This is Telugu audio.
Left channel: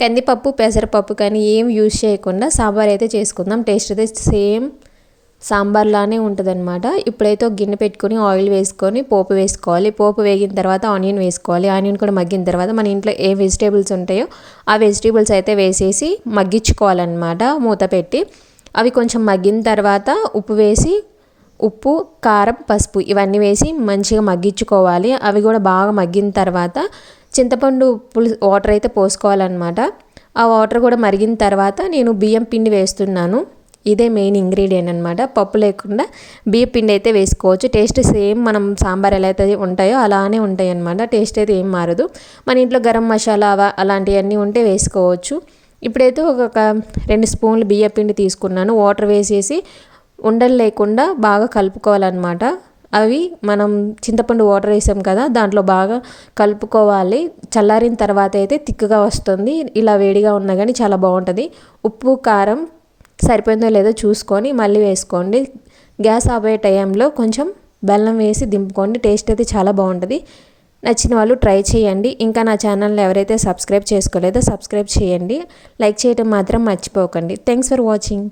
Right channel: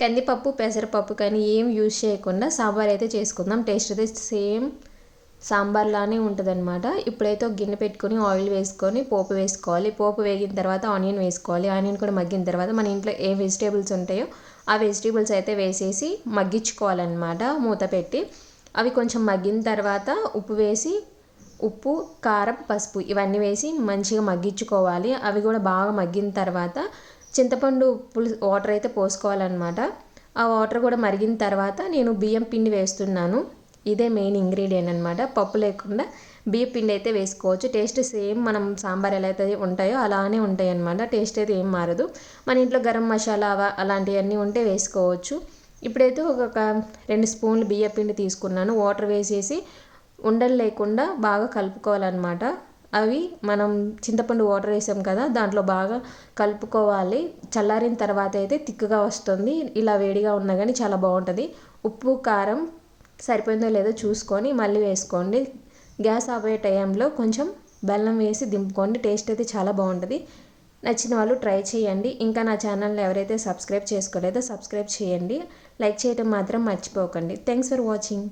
కందిపప్పు పెసరపప్పు కానీ ఏం యూజ్ చేయకుండా సాంబార్ అయితే చేసుకుందాం. టేస్ట్ అయితే సేమ్ సాంబార్లానే ఉంటుందన్నమాట. ఇప్పుడైతే ఒక గిన్నె పెట్టుకొని ఆయిల్ వేసుకొని పోపు వేసుకోవాలి. పోపు వేగిన తర్వాత ఆనియన్ వేసుకోవాలి. ఆనియన్ కూడా మగ్గిన తర్వాత మన ఇంట్లో ఏ వెజిటేబుల్స్ ఉంటాయో ఆ వెజిటేబుల్స్ అయితే వేసేసి మగ్గించుకోవాలన్నమాట మూత పెట్టి. అవి కొంచెం మగ్గిన తర్వాత ఉప్పు కారం పసుపు ఇవన్నీ వేసి మంచిగా మగ్గించుకోవాలి. అవి కూడా బాగా మగ్గిన తర్వాత చింతపండు వాటర్ అయితే పోసుకోవాలన్నమాట. ఆ వాటర్ కూడా మరిగిన తర్వాత నేను బియ్యం పిండి వేస్తున్నాను. ఇదే మెయిన్ ఇంగ్రీడియంట్ అనమాట. పప్పు లేకుండా బియ్యం పిండి అయితే వేసుకోవచ్చు. టేస్ట్ సేమ్ మనం సాంబార్ ఎలా అయితే ఉంటాయో అలానే ఉంటాయి అనమాట. టేస్ట్ అయితే ఏం మారదు. మన ఇంట్లో గరం మసాలా అలాంటివన్నీ ఉంటే వేసుకోవచ్చు. ఇప్పుడైతే ఒక 2 స్పూన్లు బియ్యం పిండి తీసుకున్నాను. వాటర్ వేసేసి ఉండలు లేకుండా బాగా కలుపుకోవాలన్నమాట. అవి మనం చింతపండు వాటర్ వేసాం కదా, దాంట్లో బాగా కలుపుకోవాలి. చల్లారిన తర్వాత అయితే తిక్కుగా వస్తుంది. ఇలా వేడిగా ఉన్నా కానీ చాలా బాగుంటుంది. ఉప్పు కారం సరిపోయిందో లేదో చూసుకొని మళ్ళీ వేసుకోండి. గ్యాస్ ఆపే టైంలో కొంచెం బెల్లం వేసి దింపుకోండి. టేస్ట్ అయితే చాలా బాగుంటుంది. నచ్చిన వాళ్ళు ట్రై చేయండి. ఇంకా నా ఛానల్ని ఎవరైతే సబ్స్క్రైబ్ చేసుకోలేదో సబ్స్క్రైబ్ చేయండి. లైక్ చేయడం మాత్రం మర్చిపోకండి. Thanks for watching.